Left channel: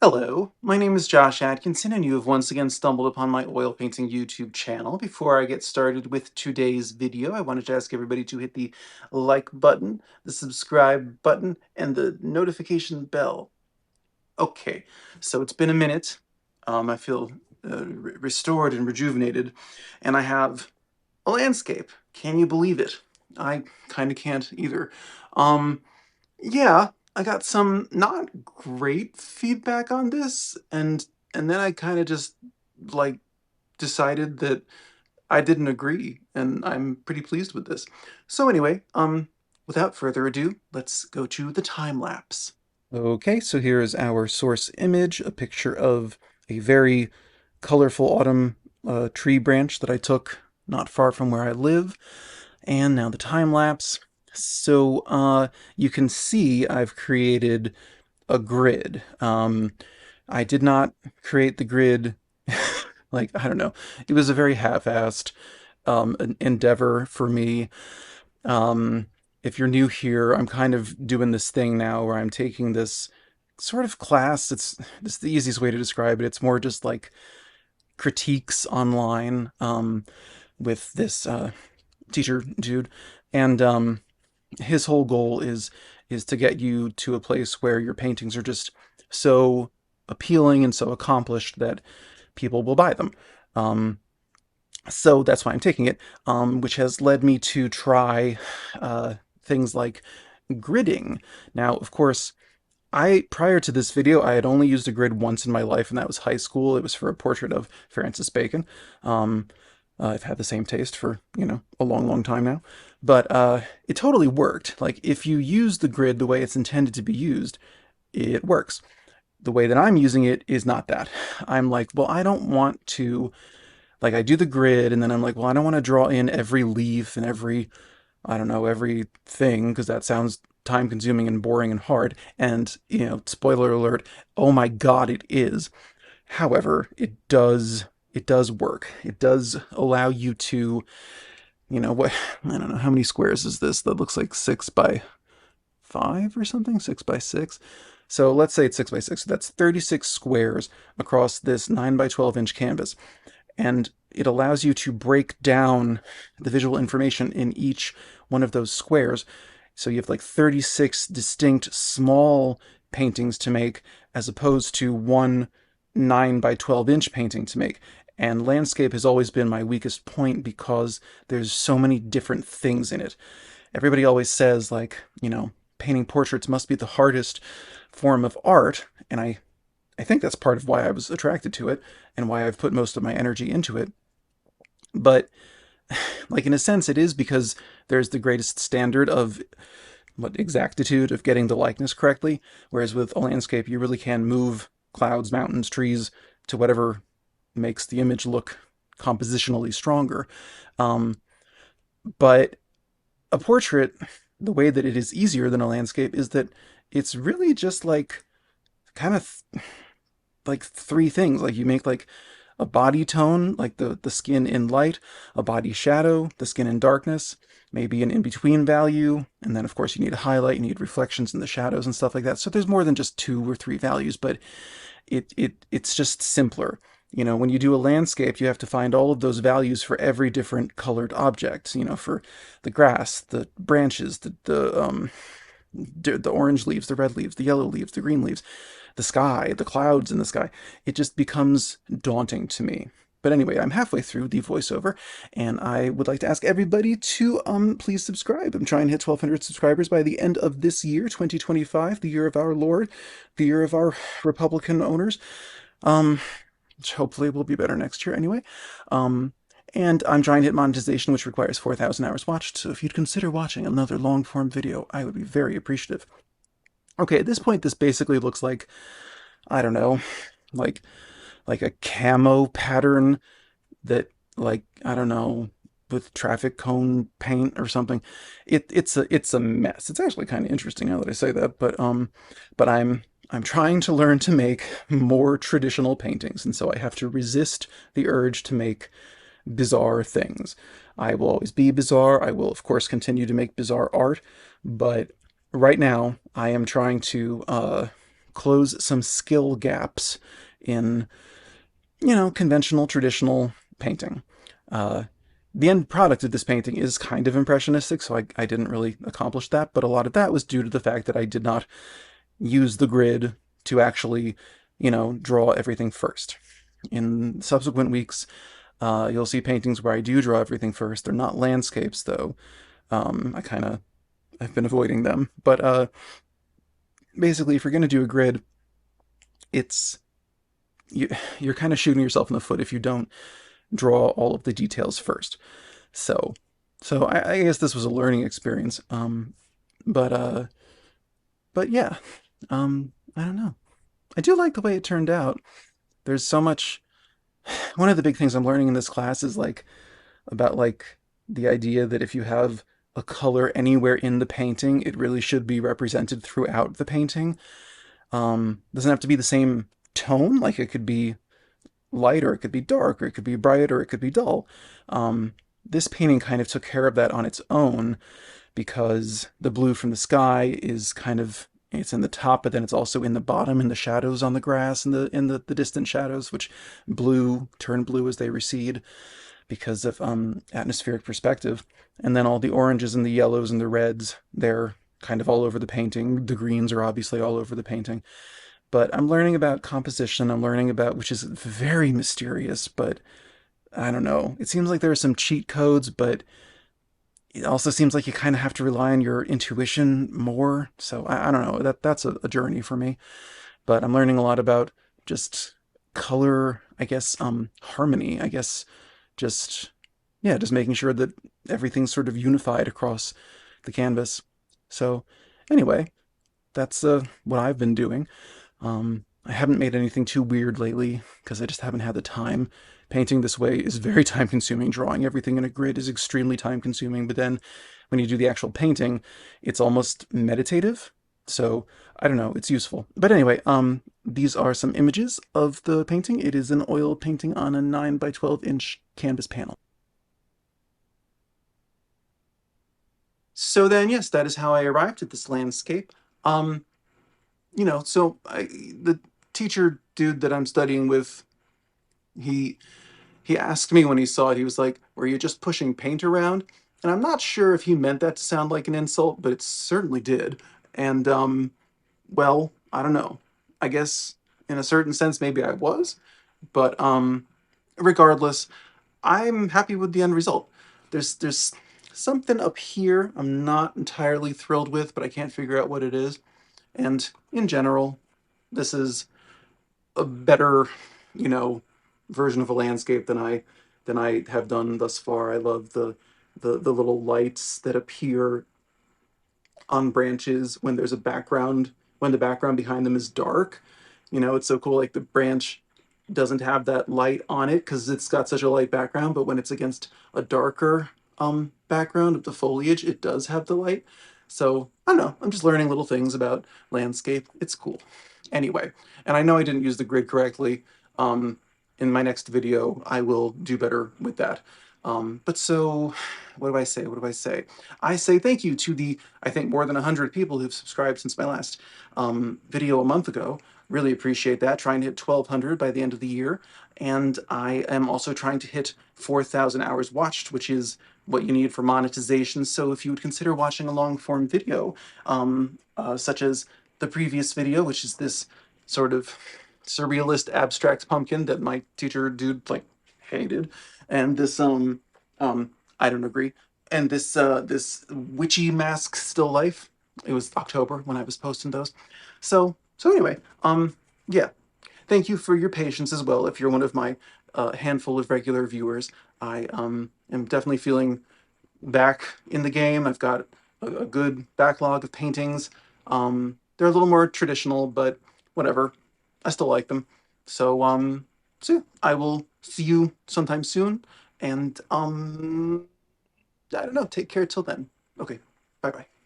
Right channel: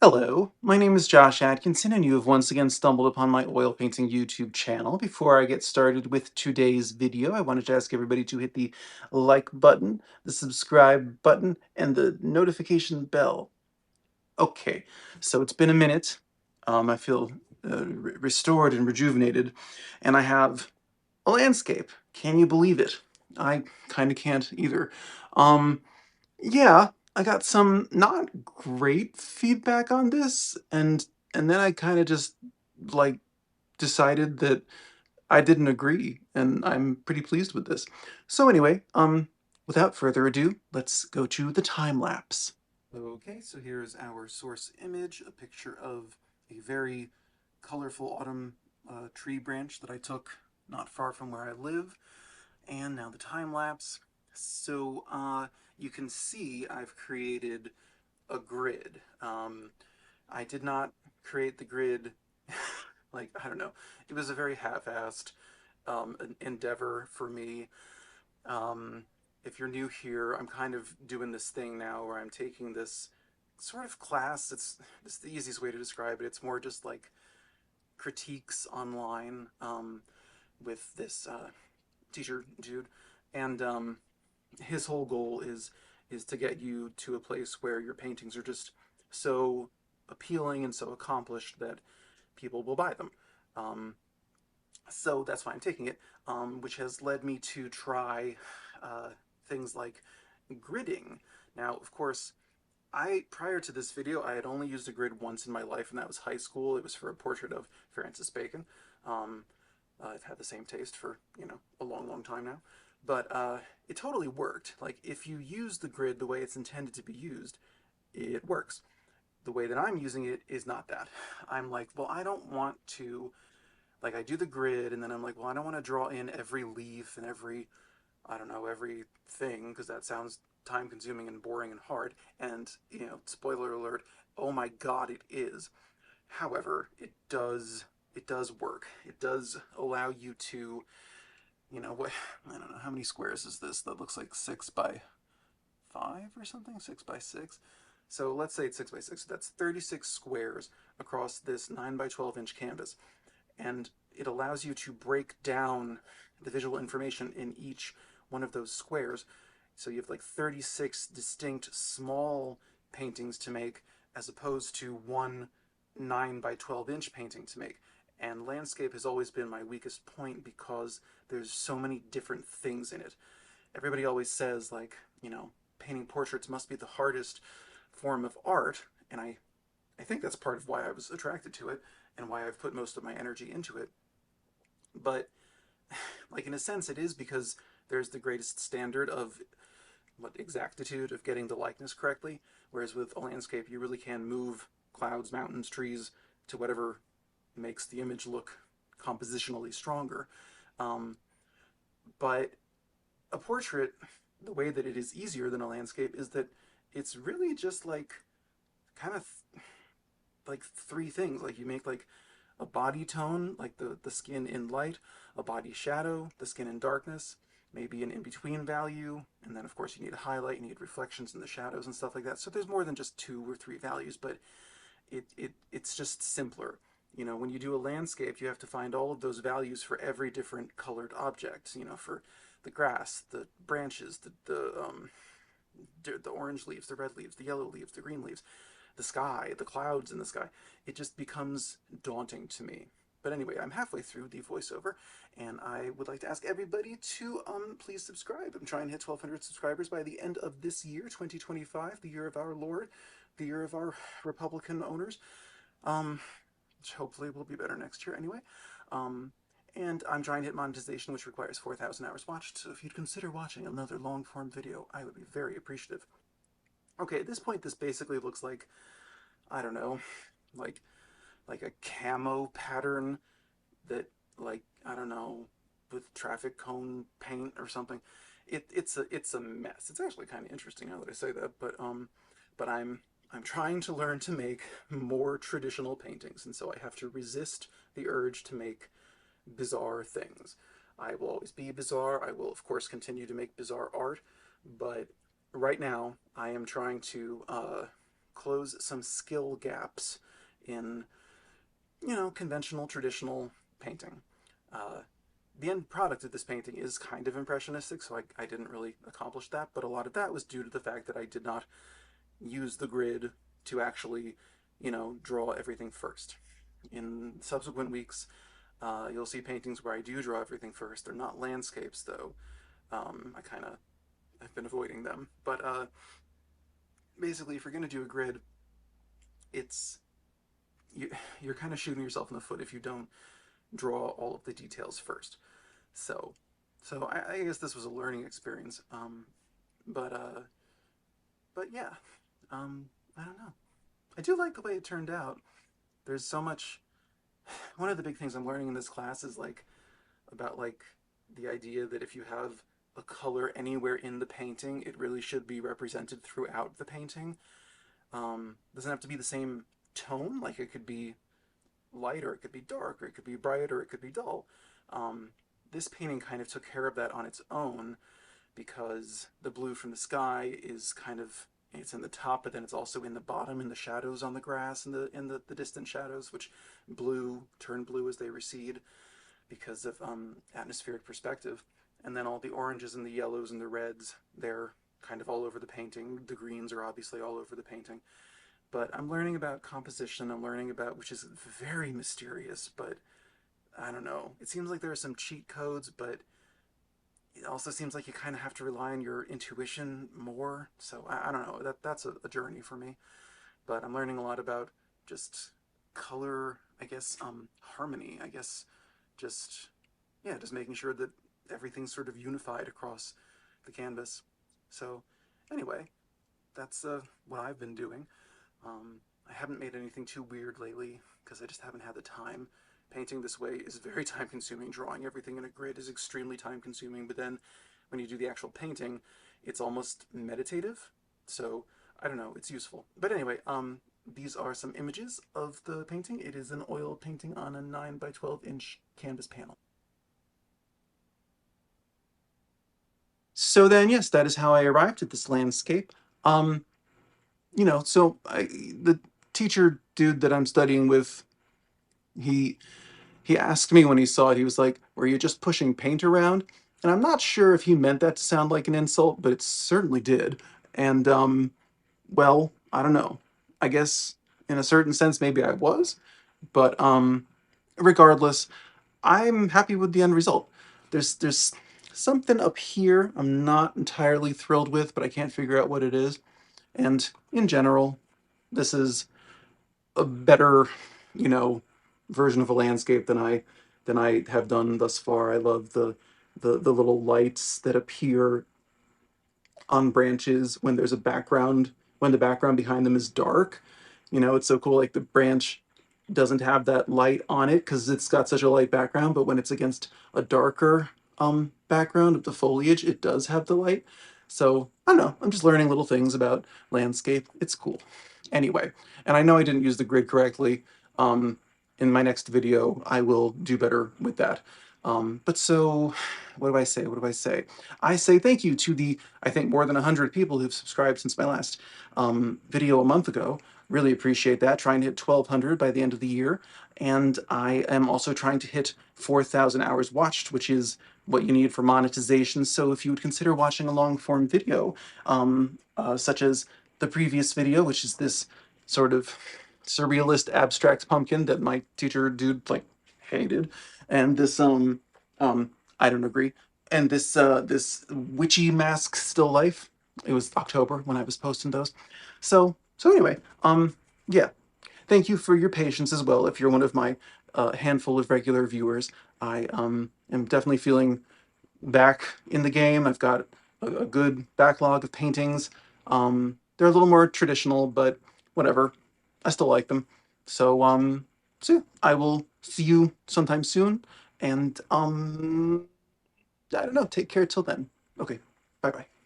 Hello, my name is Josh Atkinson, and you have once again stumbled upon my oil painting YouTube channel. Before I get started with today's video, I wanted to ask everybody to hit the like button, the subscribe button, and the notification bell. Okay, so it's been a minute. I feel restored and rejuvenated, and I have a landscape. Can you believe it? I kind of can't either. Um, yeah, I got some not great feedback on this, and then I kind of just like decided that I didn't agree, and I'm pretty pleased with this. So anyway, without further ado, let's go to the time lapse. Okay, so here is our source image, a picture of a very colorful autumn tree branch that I took not far from where I live. And now the time lapse. So you can see I've created a grid. I did not create the grid like, I don't know. It was a very half-assed an endeavor for me. Um, if you're new here, I'm kind of doing this thing now where I'm taking this sort of class. It's the easiest way to describe it. It's more just like critiques online with this teacher dude, and his whole goal is to get you to a place where your paintings are just so appealing and so accomplished that people will buy them. Um, so that's why I'm taking it, which has led me to try things like gridding. Now, of course, prior to this video, I had only used a grid once in my life, and that was high school. It was for a portrait of Francis Bacon. Um, I've had the same taste for, a long, long time now. But it totally worked. Like, if you use the grid the way it's intended to be used, it works. The way that I'm using it is not that. I'm like, well, I don't want to, like, I do the grid, and then I'm like, well, I don't want to draw in every leaf and every, I don't know, everything, because that sounds time consuming and boring and hard. And, spoiler alert, oh my God, it is. However, it does work. It does allow you to, what, I don't know, how many squares is this? That looks like 6 by 5 or something, 6 by 6. So let's say it's 6 by 6. So that's 36 squares across this 9 by 12 inch canvas. And it allows you to break down the visual information in each one of those squares. So you have like 36 distinct small paintings to make as opposed to one 9 by 12 inch painting to make. And landscape has always been my weakest point because there's so many different things in it. Everybody always says, like, painting portraits must be the hardest form of art. And I think that's part of why I was attracted to it and why I've put most of my energy into it. But, like, in a sense, it is because there's the greatest standard of exactitude of getting the likeness correctly. Whereas with a landscape, you really can move clouds, mountains, trees to whatever makes the image look compositionally stronger. Um, but a portrait, the way that it is easier than a landscape is that it's really just like kind of like three things. Like you make like a body tone, like the skin in light, a body shadow, the skin in darkness, maybe an in-between value, and then of course you need a highlight, you need reflections in the shadows and stuff like that. So there's more than just 2 or 3 values, but it's just simpler. When you do a landscape, you have to find all of those values for every different colored object. For the grass, the branches, the orange leaves, the red leaves, the yellow leaves, the green leaves, the sky, the clouds in the sky. It just becomes daunting to me. But anyway, I'm halfway through the voiceover, and I would like to ask everybody to please subscribe. I'm trying to hit 1,200 subscribers by the end of this year, 2025, the year of our Lord, the year of our Republican owners. Um, which hopefully will be better next year anyway. Um, and I'm trying to hit monetization, which requires 4,000 hours watched. So if you'd consider watching another long form video, I would be very appreciative. Okay, at this point, this basically looks like, I don't know, like like a camo pattern that, like, I don't know, with traffic cone paint or something. It's a mess. It's actually kind of interesting now that I say that, but I'm trying to learn to make more traditional paintings, and so I have to resist the urge to make bizarre things. I will always be bizarre. I will, of course, continue to make bizarre art, but right now I am trying to close some skill gaps in, conventional, traditional painting. Uh, the end product of this painting is kind of impressionistic, so I didn't really accomplish that, but a lot of that was due to the fact that I did not use the grid to actually, draw everything first. In subsequent weeks, you'll see paintings where I do draw everything first. They're not landscapes, though. I've been avoiding them. But basically, if you're going to do a grid, it's you, you're kind of shooting yourself in the foot if you don't draw all of the details first. So, so I guess this was a learning experience. But uh, but yeah, I don't know. I do like the way it turned out. There's so much. One of the big things I'm learning in this class is like about like the idea that if you have a color anywhere in the painting, it really should be represented throughout the painting. Doesn't have to be the same tone. Like it could be light, or it could be dark, or it could be bright, or it could be dull. This painting kind of took care of that on its own because the blue from the sky is kind of, it's in the top, but then it's also in the bottom in the shadows on the grass and the distant shadows, which turn blue as they recede because of atmospheric perspective. And then all the oranges and the yellows and the reds, they're kind of all over the painting. The greens are obviously all over the painting. But I'm learning about composition. I'm learning about, which is very mysterious, but I don't know. It seems like there are some cheat codes, but it also seems like you kind of have to rely on your intuition more. So I don't know. That's a journey for me. But I'm learning a lot about just color, I guess, harmony, I guess, just yeah, just making sure that everything's sort of unified across the canvas. So anyway, that's what I've been doing. I haven't made anything too weird lately because I just haven't had the time. Painting this way is very time consuming. Drawing everything in a grid is extremely time consuming. But then when you do the actual painting, it's almost meditative. So I don't know, it's useful. But anyway, these are some images of the painting. It is an oil painting on a 9 by 12-inch canvas panel. So then, yes, that is how I arrived at this landscape. Um, the teacher dude that I'm studying with, he he asked me when he saw it, he was like, "Were you just pushing paint around?" And I'm not sure if he meant that to sound like an insult, but it certainly did. And well, I don't know. I guess in a certain sense, maybe I was, but regardless, I'm happy with the end result. There's something up here I'm not entirely thrilled with, but I can't figure out what it is. And in general, this is a better, you know, version of a landscape than I have done thus far. I love the little lights that appear on branches when there's a background, when the background behind them is dark. It's so cool. Like the branch doesn't have that light on it because it's got such a light background, but when it's against a darker background of the foliage, it does have the light. So I don't know. I'm just learning little things about landscape. It's cool. Anyway, and I know I didn't use the grid correctly. Um, in my next video, I will do better with that. But so, what do I say? What do I say? I say thank you to the, I think, more than 100 people who've subscribed since my last video a month ago. Really appreciate that. Trying to hit 1,200 by the end of the year. And I am also trying to hit 4,000 hours watched, which is what you need for monetization. So if you would consider watching a long form video, such as the previous video, which is this sort of surrealist abstract pumpkin that my teacher dude like hated, and this I don't agree, and this witchy mask still life. It was October when I was posting those. So anyway, yeah, thank you for your patience as well. If you're one of my handful of regular viewers, I am definitely feeling back in the game. I've got a good backlog of paintings. They're a little more traditional, but whatever. I still like them. So yeah, I will see you sometime soon. And I don't know. Take care till then. Okay. Bye bye.